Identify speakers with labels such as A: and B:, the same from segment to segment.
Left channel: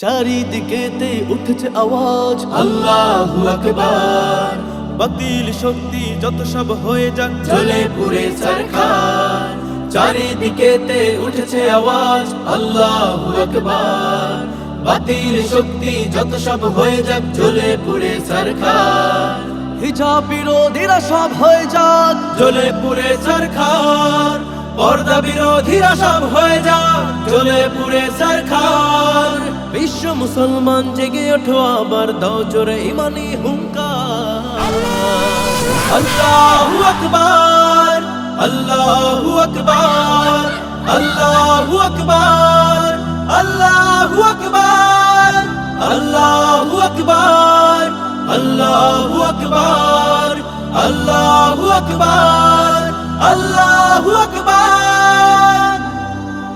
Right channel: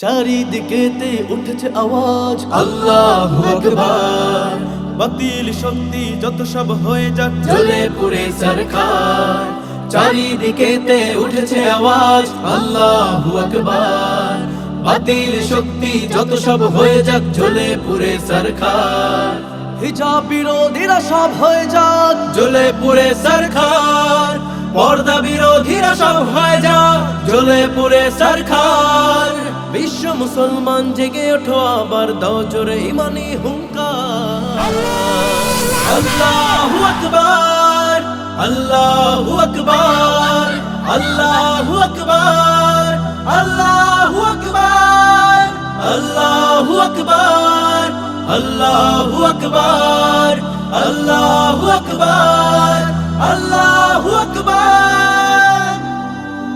A: চারিদিকেতে উঠেছে আওয়াজ।
B: আল্লাহ আকবার।
A: বাতিল শক্তি যত সব হয়ে যাক।
B: জ্বলে পুড়ে সরকার। চারিদিকেতে উঠেছে আওয়াজ। আল্লাহ আকবার। বাতিল শক্তি যত সব হয়ে যাক জ্বলে পুরে সরকার।
A: হিজাব বিরোধীরা সব হয়ে যাক।
B: জ্বলে পুরে সরকার। পর্দা বিরোধীরা সব হয়ে যাক জ্বলে পুড়ে সরকার।
A: বিশ্ব মুসলমান জেগে ওঠো আবার, দাও জোরে ইমানি হুঙ্কার।
B: আল্লাহু আকবার আল্লাহু আকবার আল্লাহু আকবার।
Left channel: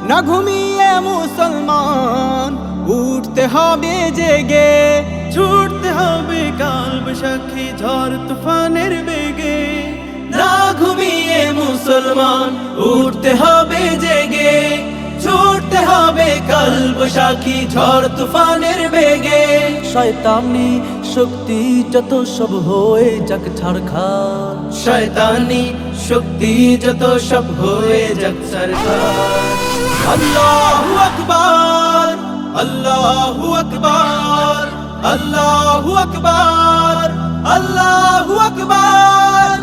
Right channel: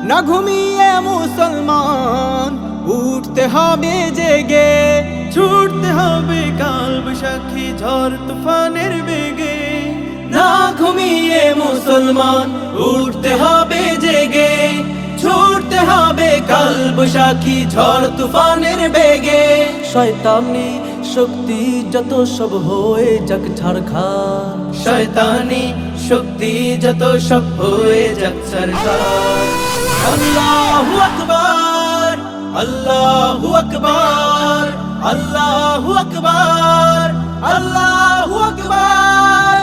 C: না ঘুমিয়ে মুসলমান উঠতে হবে জেগে
A: ছুটতে হবে কাল বৈশাখী ঝড় তুফানের বেগে।
B: না ঘুমিয়ে মুসলমান উঠতে হবে জেগে ছুটতে হবে কাল বৈশাখী ঝড় তুফানের বেগে।
A: শয়তানি শক্তি যত সব হয়ে যাক ছাড়খান।
B: শয়তানি শক্তি যত সব হয়ে যাক সরকার আল্লাহু আকবার আল্লাহু আকবার আল্লাহু আকবার আল্লাহু আকবার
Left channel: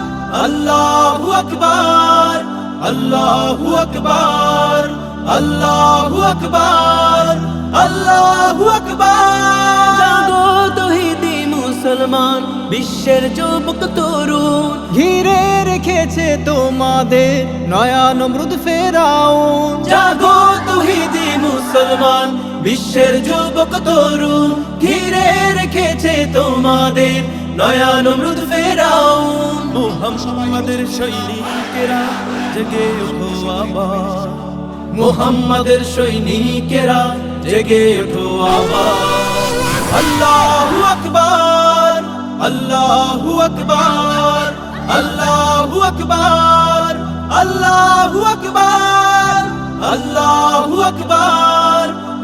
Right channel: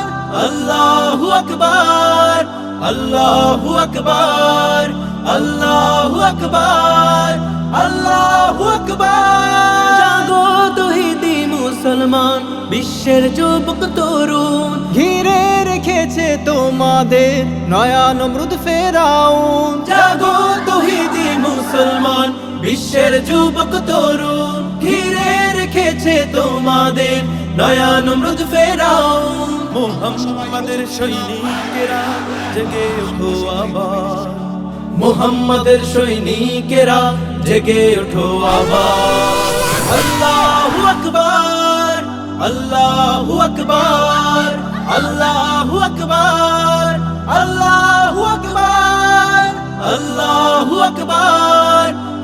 B: আল্লাহু আকবার আল্লাহু আকবার আল্লাহু আকবার আল্লাহু আকবার
A: জাগো তহিদি মুসলমান, বিশ্বের যুবক তরুণ।
C: ঘিরে রেখেছে তোমাদের নয়া নমরুদ ফেরাউন।
B: জাগো তহিদি মুসলমান বিশ্বের যুবক তরুণ ঘিরে রেখেছে তোমাদের নয়া নমরুদ ফেরাউন
A: মুহাম্মাদের সৈনিকেরা জেগে ওঠো আবার।
B: মোহাম্মদের সৈনিকেরা জেগে ওঠো আবার। আল্লাহু আকবার আল্লাহু আকবার আল্লাহু আকবার আল্লাহু আকবার আল্লাহু আকবার।